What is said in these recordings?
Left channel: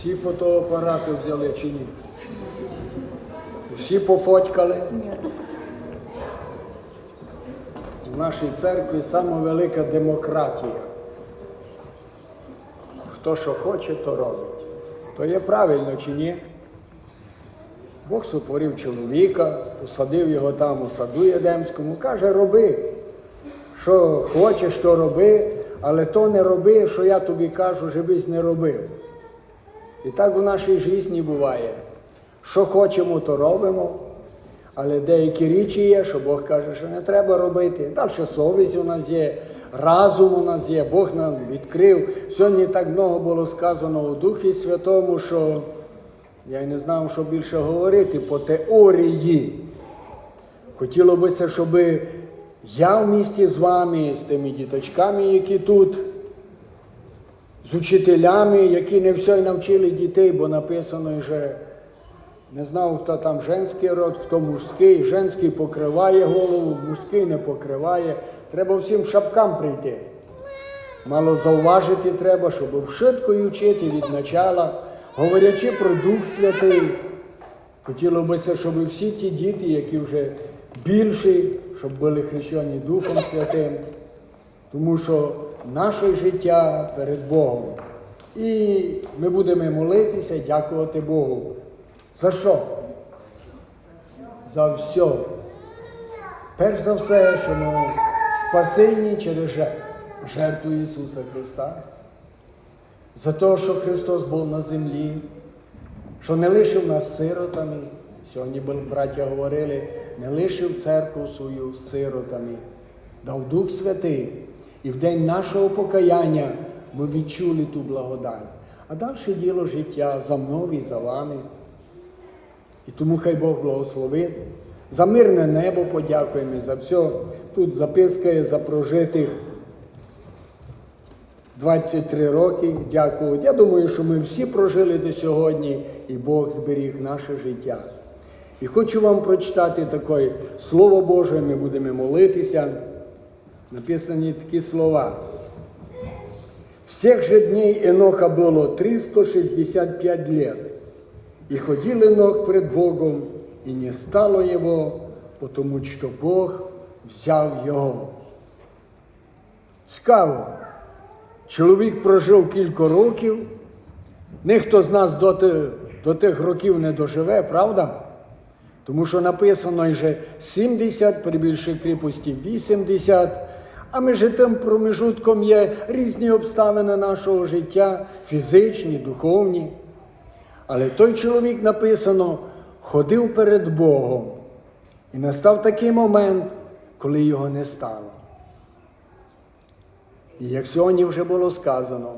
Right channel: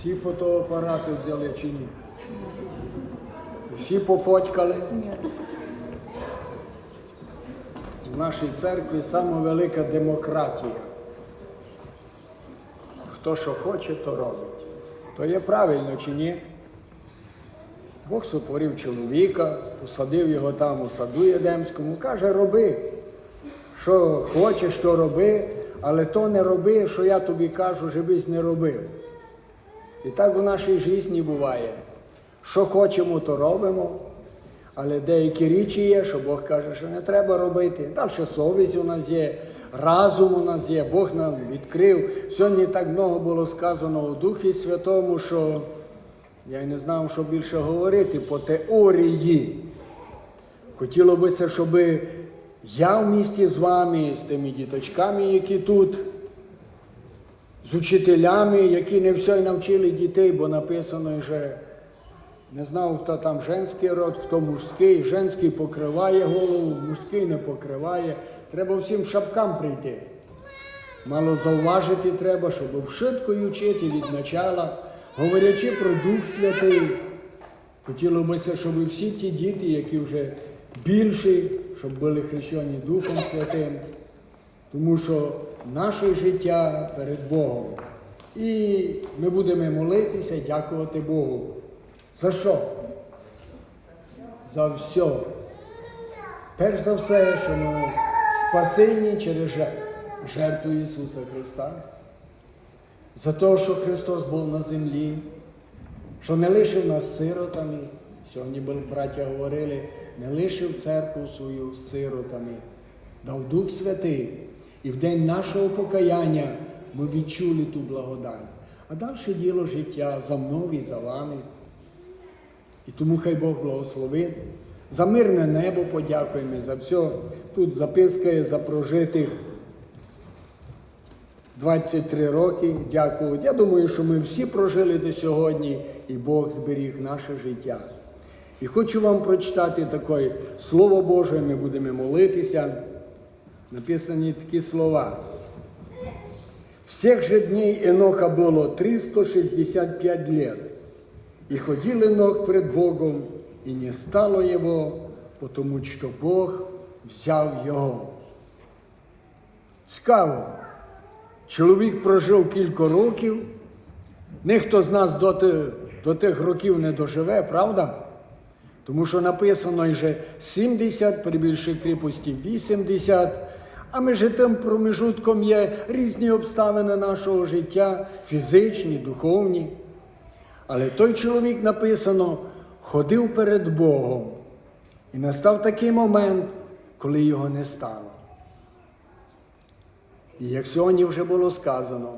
Всі фотоапарати взяли чи ні? Всі пофоткали. Ні. В нашій церкві велика демократія. Хто що хоче, то робить. То є правильно чи ні? Бог сотворив чоловіка, посадив його там у саду Єдемському, каже, роби. Що хочеш, то роби, але то не роби, що я тобі кажу, жебись не робив. І так у нашій житті буває. Що хочемо, то робимо. Але деякі речі є, що Бог каже, що не треба робити. Далі совість у нас є, разум у нас є, Бог нам відкрив. Сьогодні так много було сказано у Духі Святому, що я й не знав, що більше говорити по теорії. Хотіло бися, щоб я в місті з вами, з тими діточками, які тут, з учителями, які не все навчили дітей, бо написано вже. Не знав, хто там женський род, хто мужський. Женський покриває голову, мужський не покриває. Треба всім шапкам прийти. Мало зауважити треба, щоб вшиткою вчити від начала, говорячи про Дух Святий. Хотіло бися, щоб всі ті діти, які вже більші, щоб були хрещені Духом Святим. Тому що наше життя перед Богом. І ми будемо молитися, дякувати Богу. За що? За все. Перш за все, що ми спасені через жертву, Ісуса Христа. За те, що Христос був на землі, що не лишив нас сиротами. Сьогодні браття говорили, не лишив церкву свою сиротами, дав Дух Святий. І в день нашого покаяння ми відчули ту благодать. А далі діло життя за мною і за вами. І тому хай Бог благословить. За мирне небо подякуємо за все. Тут записка є за прожитих 23 роки. Дякую. Я думаю, що ми всі прожили до сьогодні, і Бог зберіг наше життя. І хочу вам прочитати таке Слово Боже, ми будемо молитися. Написані такі слова. Всех же дней Еноха было 365 лет. И ходил Енох пред Богом, и не стало его, потому что Бог взяв його. Цікаво. Чоловік прожив кілька років. Ніхто з нас до, ти- до тих років не доживе, правда? Тому що написано вже 70, при більшій кріпості 80. А між тим промежутком є різні обставини нашого життя, фізичні, духовні. Але той чоловік написано, ходив перед Богом. І настав такий момент, коли його не стало. І як сьогодні вже було сказано,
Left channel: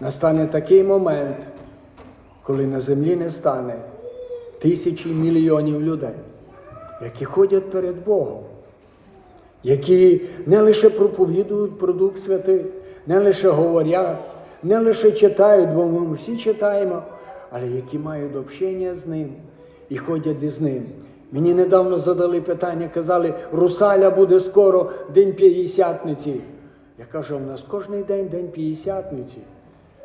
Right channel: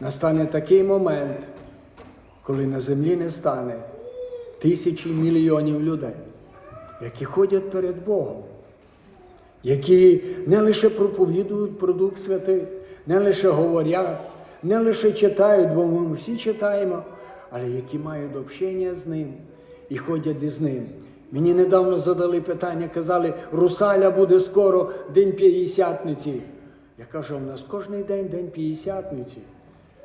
настане такий момент, коли на землі не стане тисячі мільйонів людей, які ходять перед Богом, які не лише проповідують про Дух Святий, не лише говорять, не лише читають, бо ми всі читаємо, але які мають общення з ним і ходять із ним. Мені недавно задали питання, казали, Русаля буде скоро День П'ятдесятниці. Я кажу, у нас кожен день День П'ятдесятниці.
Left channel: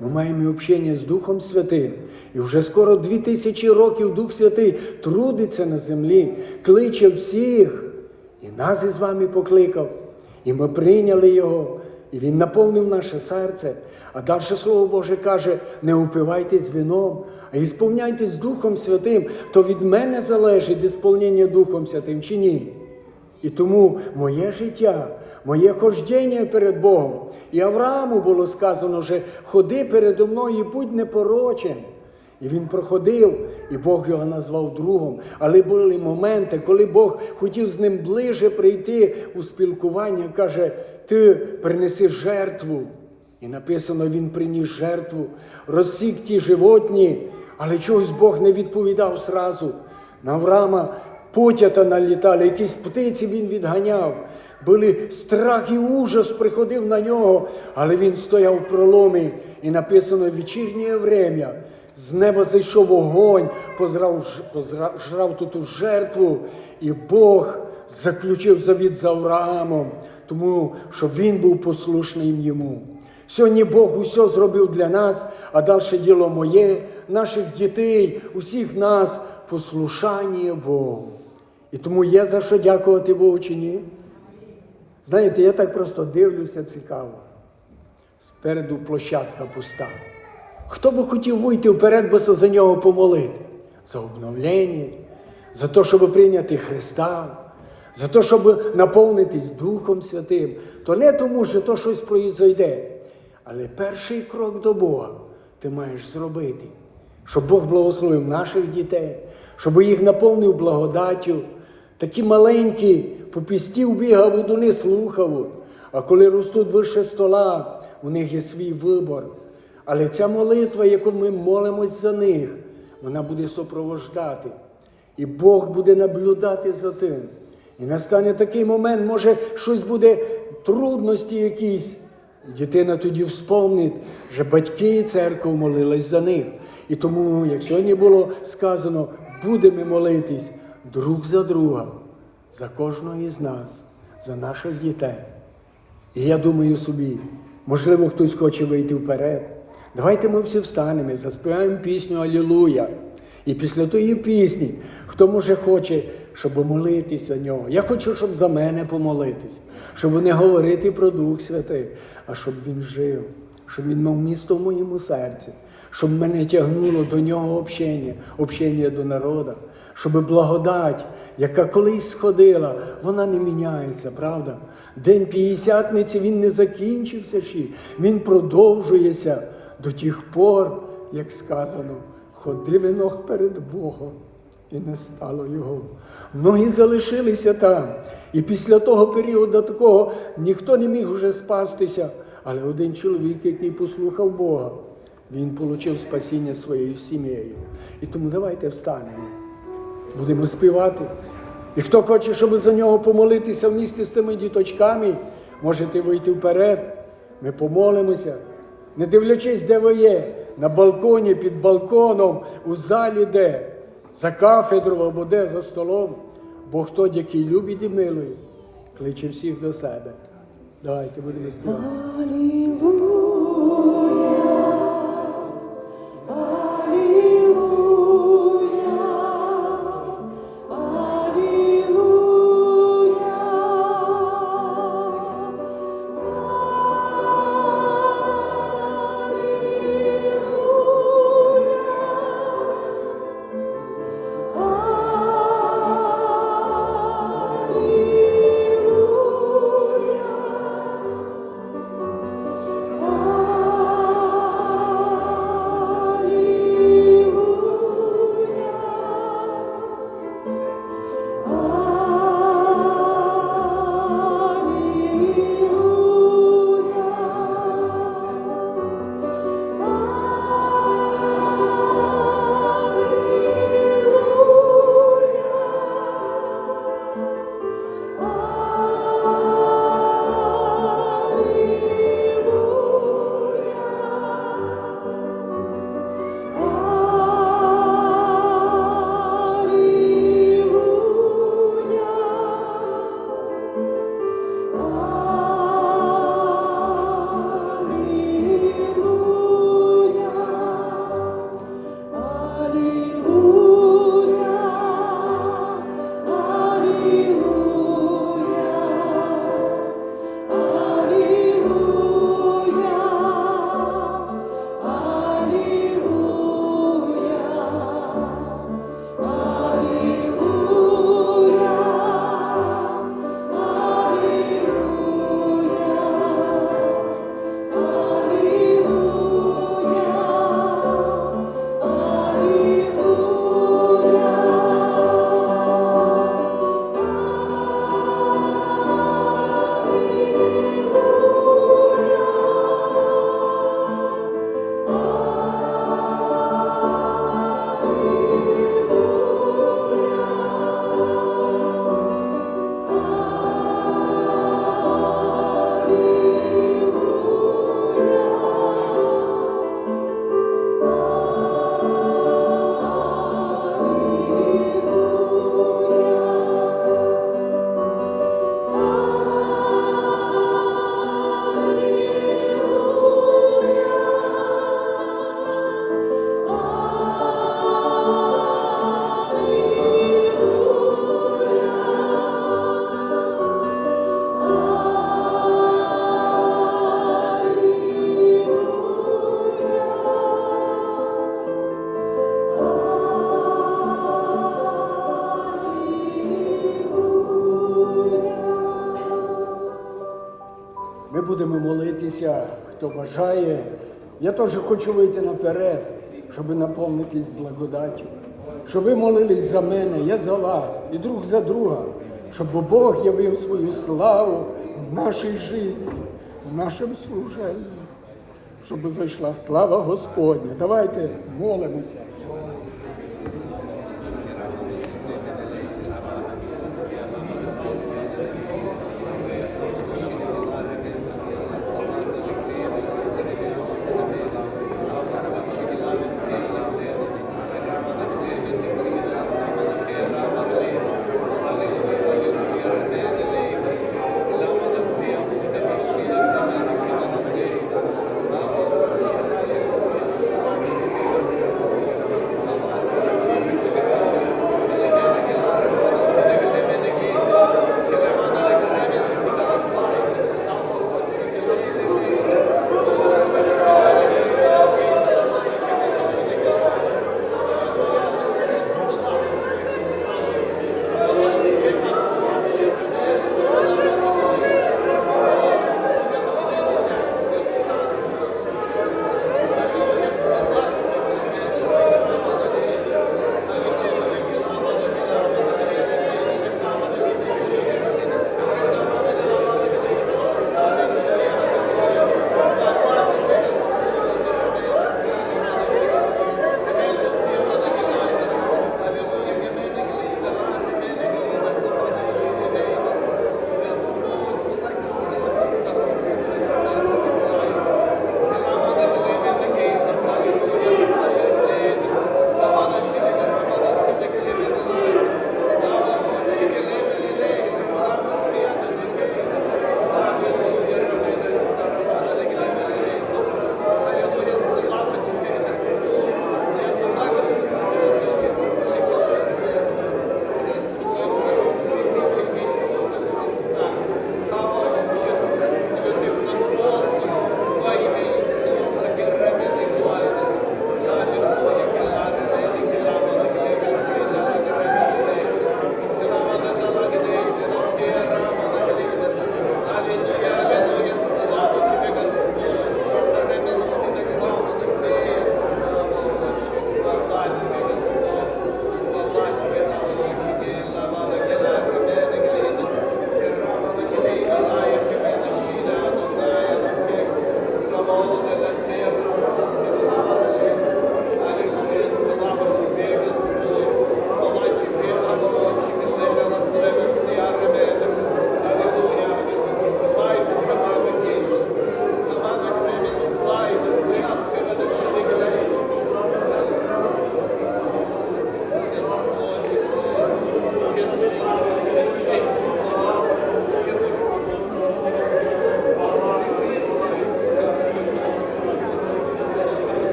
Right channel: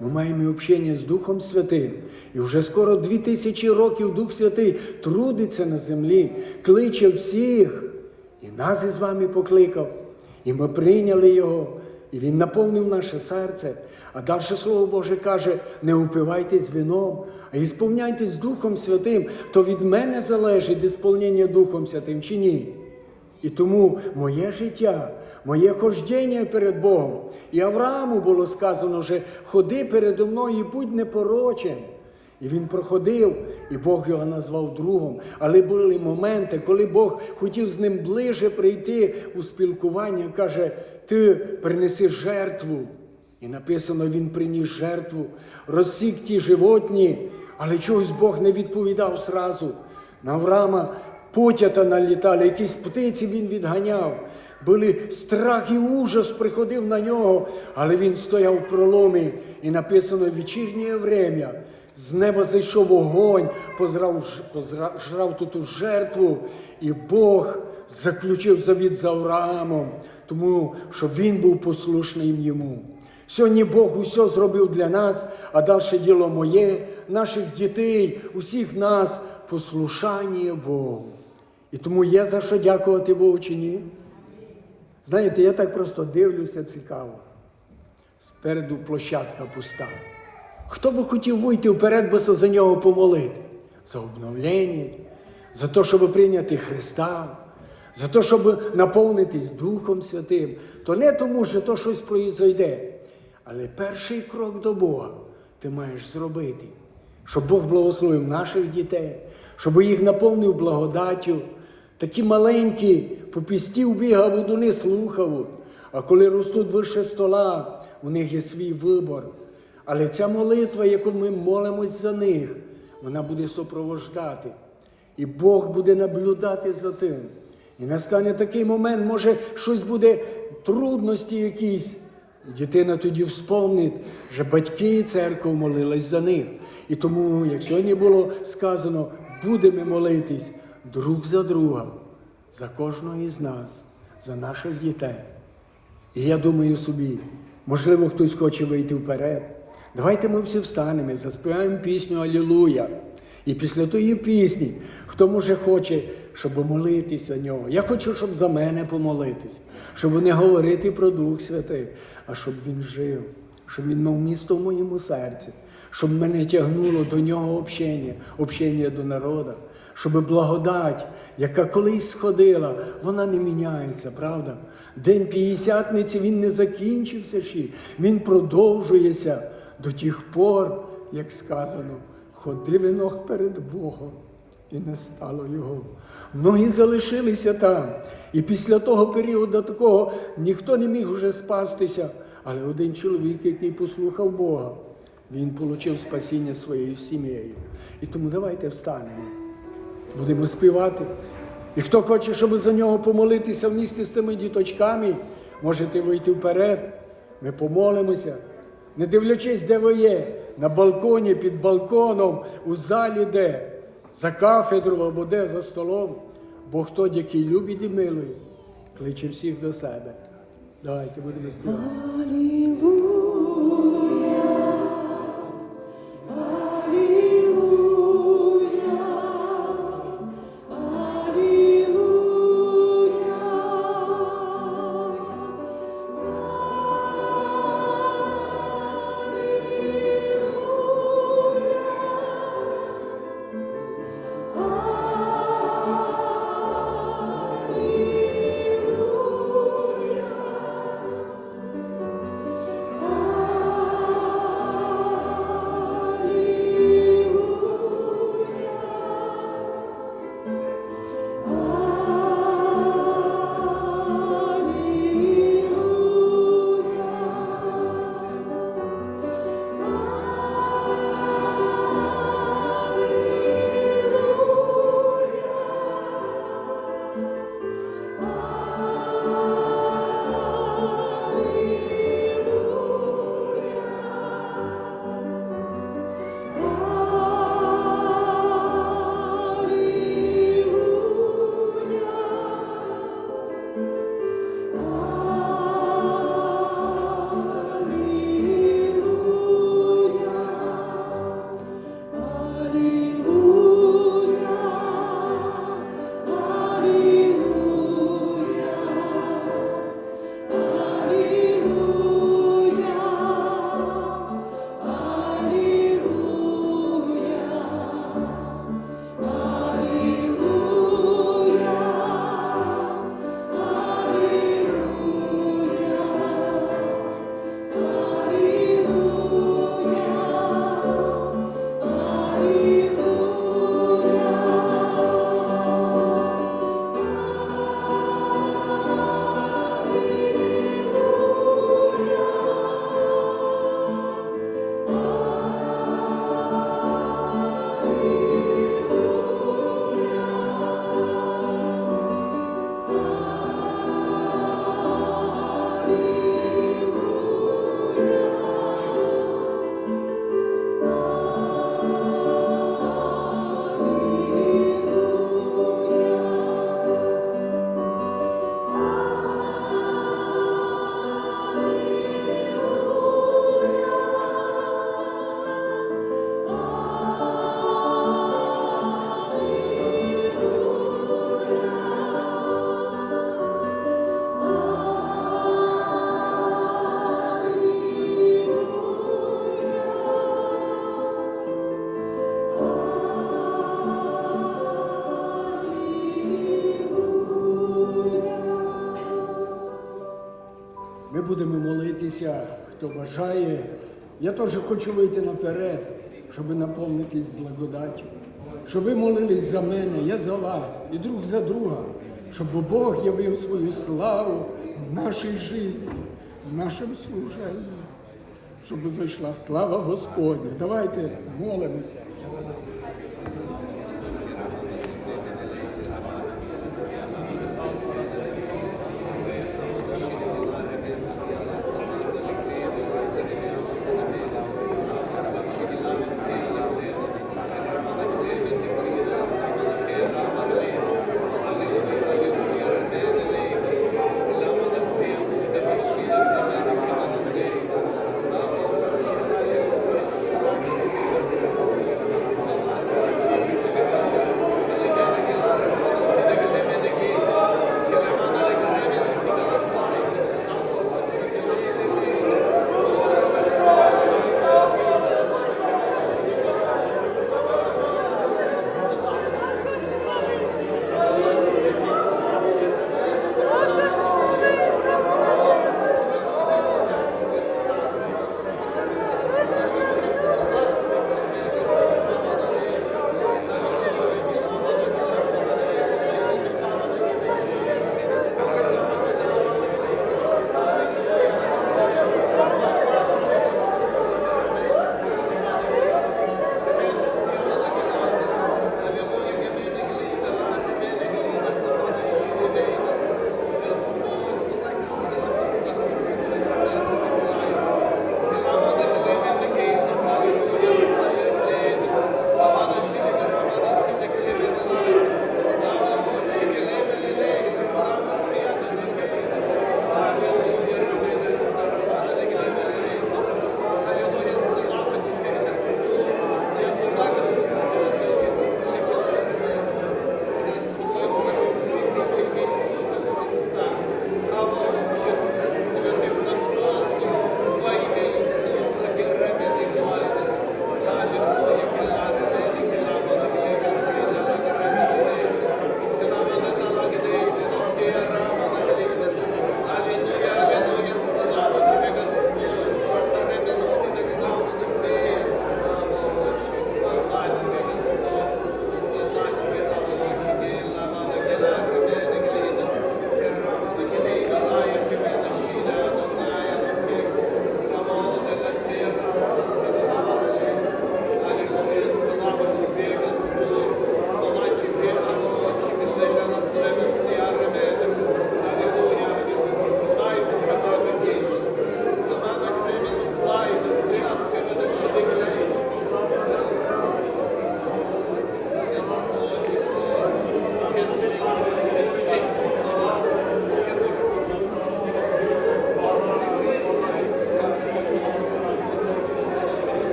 Ми маємо общення з Духом Святим. І вже скоро дві тисячі років Дух Святий трудиться на землі, кличе всіх. І нас із вами покликав. І ми прийняли Його. І Він наповнив наше серце. А далі Слово Боже каже: не упивайтесь вином, а ісполняйтесь Духом Святим. То від мене залежить ісполнення Духом Святим чи ні. І тому моє життя, моє хождення перед Богом. І Аврааму було сказано, що ходи передо мною і будь непорочен. І він проходив, і Бог його назвав другом. Але були моменти, коли Бог хотів з ним ближе прийти у спілкування, каже, ти принеси жертву. І написано, він приніс жертву, розсік ті животні, але чогось Бог не відповідав зразу. На Авраама потята налітали, якісь птиці він відганяв. Були страх і ужас приходив на нього, але він стояв в проломі, і написано вечірнє время. З неба зайшов вогонь, позрав, позрав ту жертву, і Бог заключив завіт з Авраамом, тому що він був послушним йому. Сьогодні Бог усе зробив для нас, а далі діло моє, наших дітей, усіх нас послушання Богу. І тому є за що дякувати Богу чи ні? Знаєте, я так просто дивлюся цікаво. Спереду площадка пуста. Хто би хотів вийти вперед, би за нього помолити? За обновлення, за те, щоб прийняти Христа, за те, щоб наповнитись Духом Святим. То не тому, що то щось произойде. Але перший крок до Бога ти маєш зробити, щоб Бог благословив наших дітей, щоб їх наповнив благодаттю. Такі маленькі, попістів бігав і не слухав. А коли ростуть вище стола, у них є свій вибор. Але ця молитва, яку ми молимось за них, вона буде супровождати. І Бог буде наблюдати за тим. І настане такий момент, може, щось буде, трудності якісь. І дитина тоді вспомнить, що батьки і церква молились за них. І тому, як сьогодні було сказано, будемо молитись друг за друга, за кожного із нас, за наших дітей. І я думаю собі, можливо, хтось хоче вийти вперед. Давайте ми всі встанемо і заспіваємо пісню Алілуя. І після тої пісні, хто може хоче, щоб молитися нього. Я хочу, щоб за мене помолитись, щоб не говорити про Дух Святий, а щоб він жив, щоб він мав місто в моєму серці, щоб мене тягнуло до нього общення, общення до народу, щоб благодать, яка колись сходила, вона не міняється, правда? День п'ятдесятниці він не закінчився ще, він продовжується до тих пор, як сказано, ходив Енох перед Богом. І не стало його. Многі залишилися там. І після того періоду такого ніхто не міг вже спастися. Але один чоловік, який послухав Бога, він отримав спасіння своєю сім'єю. І тому давайте встанемо. Будемо співати. І хто хоче, щоб за нього помолитися в місті з тими діточками, можете вийти вперед. Ми помолимося. Не дивлячись, де ви є, на балконі, під балконом, у залі де, за кафедру або де за столом. Бо хто, який любить і милує, кличе всіх до себе. Давайте будемо співати. Молитися, хто бажає. Я теж хочу вийти наперед, щоб наповнитись благодаттю. Щоб ви молились за мене, я за вас і друг за друга, щоб Бог явив свою славу в нашій житті, в нашому служенні, щоб зайшла слава Господня. Давайте молимося.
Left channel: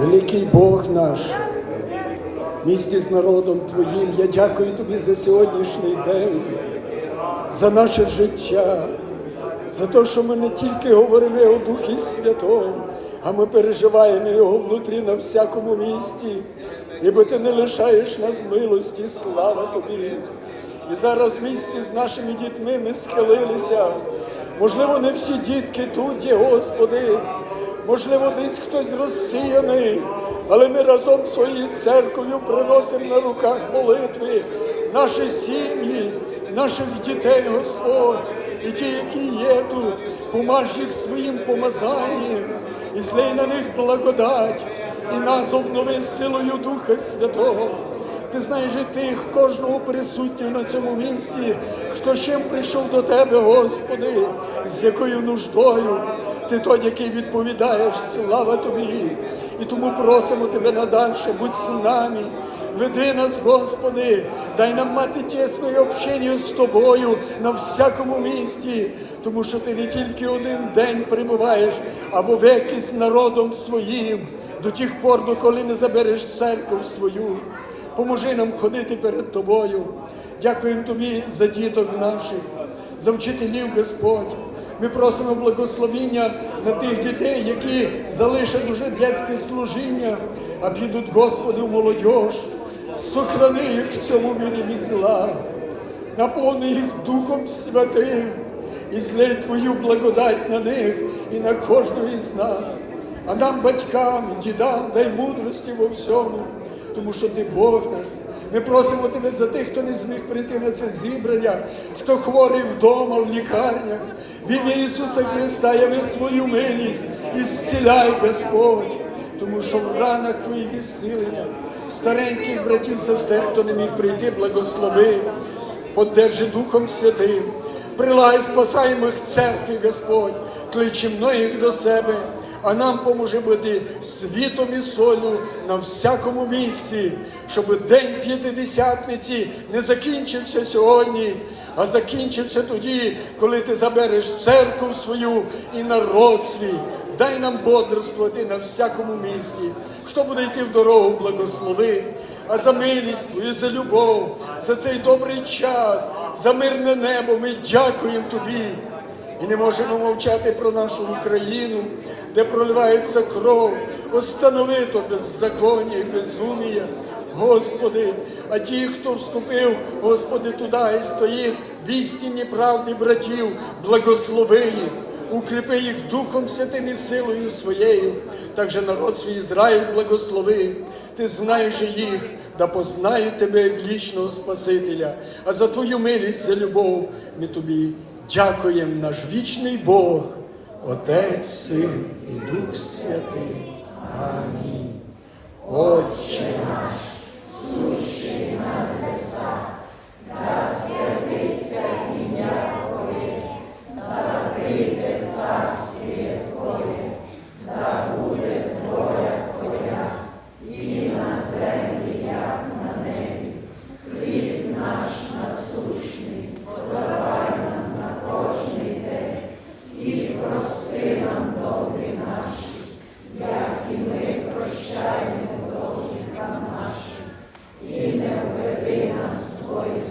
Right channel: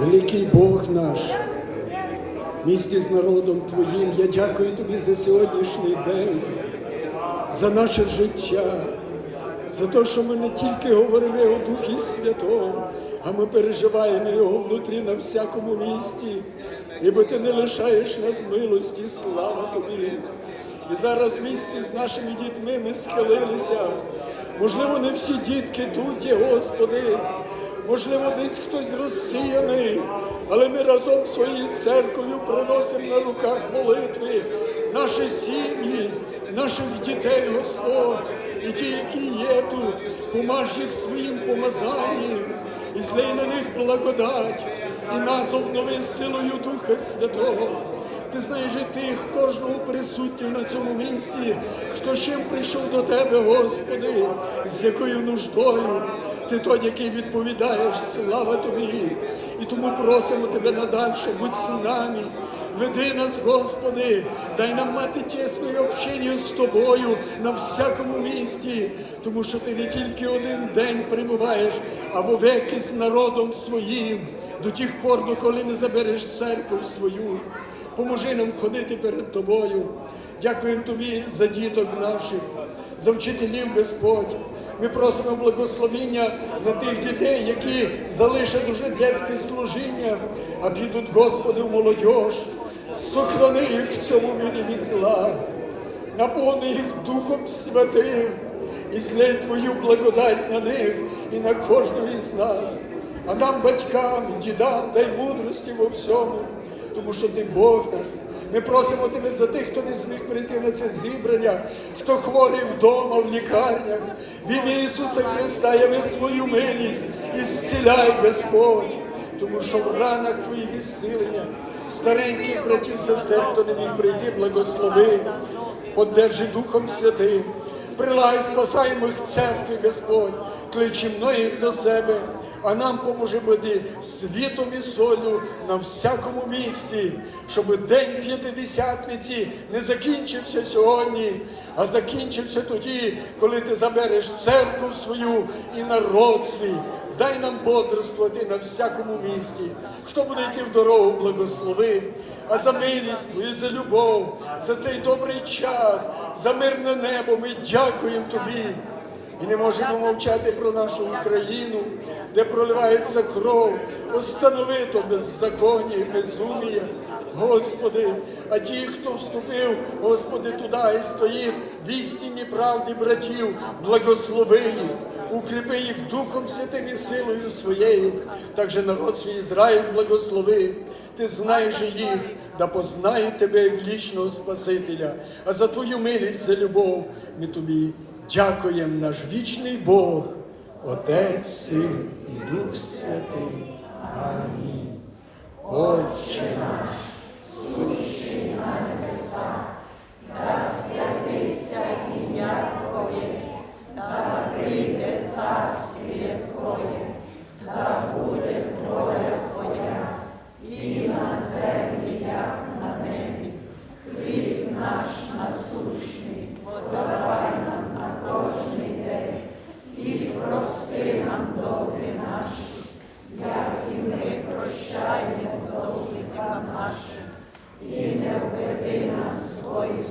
Великий Бог наш, місті з народом Твоїм, я дякую Тобі за сьогоднішній день, за наше життя, за те, що ми не тільки говорили о Духі Святому, а ми переживаємо його внутрі на всякому місті. Ібо ти не лишаєш нас милості, слава тобі. І зараз в місті з нашими дітьми ми схилилися. Можливо, не всі дітки тут є, Господи. Можливо, десь хтось розсіяний, але ми разом своєю церквою приносимо на руках молитви наші сім'ї, наших дітей, Господь, і ті, які є тут, помаж їх своїм помазанням і злей на них благодать, і нас обнови силою Духа Святого. Ти знаєш і тих, кожного присутнього на цьому місці, хто чим прийшов до тебе, Господи, з якою нуждою. Ти той, який відповідаєш, слава тобі. І тому просимо тебе надальше, будь з нами. Веди нас, Господи, дай нам мати тісне общення з тобою на всякому місці, тому що ти не тільки один день перебуваєш, а вовеки з народом своїм, до тих пор, доколи не забереш церкву свою. Поможи нам ходити перед тобою. Дякуємо тобі за діток наших, за вчителів, Господь. Ми просимо благословіння на тих дітей, які залишать уже дитяче служіння, а підуть, Господи, в. Сохрани їх в цьому мірі від зла, наповни їх Духом Святим і злей Твою благодать на них і на кожного із нас. А нам, батькам, дідам, дай мудрості во всьому, тому що ти Бог наш. Ми просимо тебе за тих, хто зміг прийти на це зібрання, хто хворий вдома, в лікарнях. В ім'я Ісуса Христа яви свою милість і зціляй, Господь, тому що в ранах Твоїх ісцілення, стареньких братів, сестер, хто не міг прийти, благослови, подержи Духом Святим. Прилагай спасаємих церкві, Господь, кличи многих до себе, а нам поможе бути світом і солью на всякому місці, щоб день п'ятидесятниці не закінчився сьогодні, а закінчився тоді, коли ти забереш церкву свою і народ свій. Дай нам бодрствувати на всякому місці. Хто буде йти в дорогу, благослови а за милість Твою, за любов, за цей добрий час, за мирне небо ми дякуємо Тобі. І не можемо мовчати про нашу Україну, де проливається кров, останови то беззаконня і безумія. Господи, а ті, хто вступив, Господи, туди і стоїть в істинній правді братів, благослови. Укріпи їх Духом Святим і силою своєю, так же народ свій Ізраїль благослови. Ти знаєш їх, да познають тебе як вічного Спасителя, а за твою милість, за любов ми тобі Дякуємо наш вічний Бог, Отець, Син і Дух Святий. Амінь. Отче наш. прощаємо должникам нашим і не введи нас свої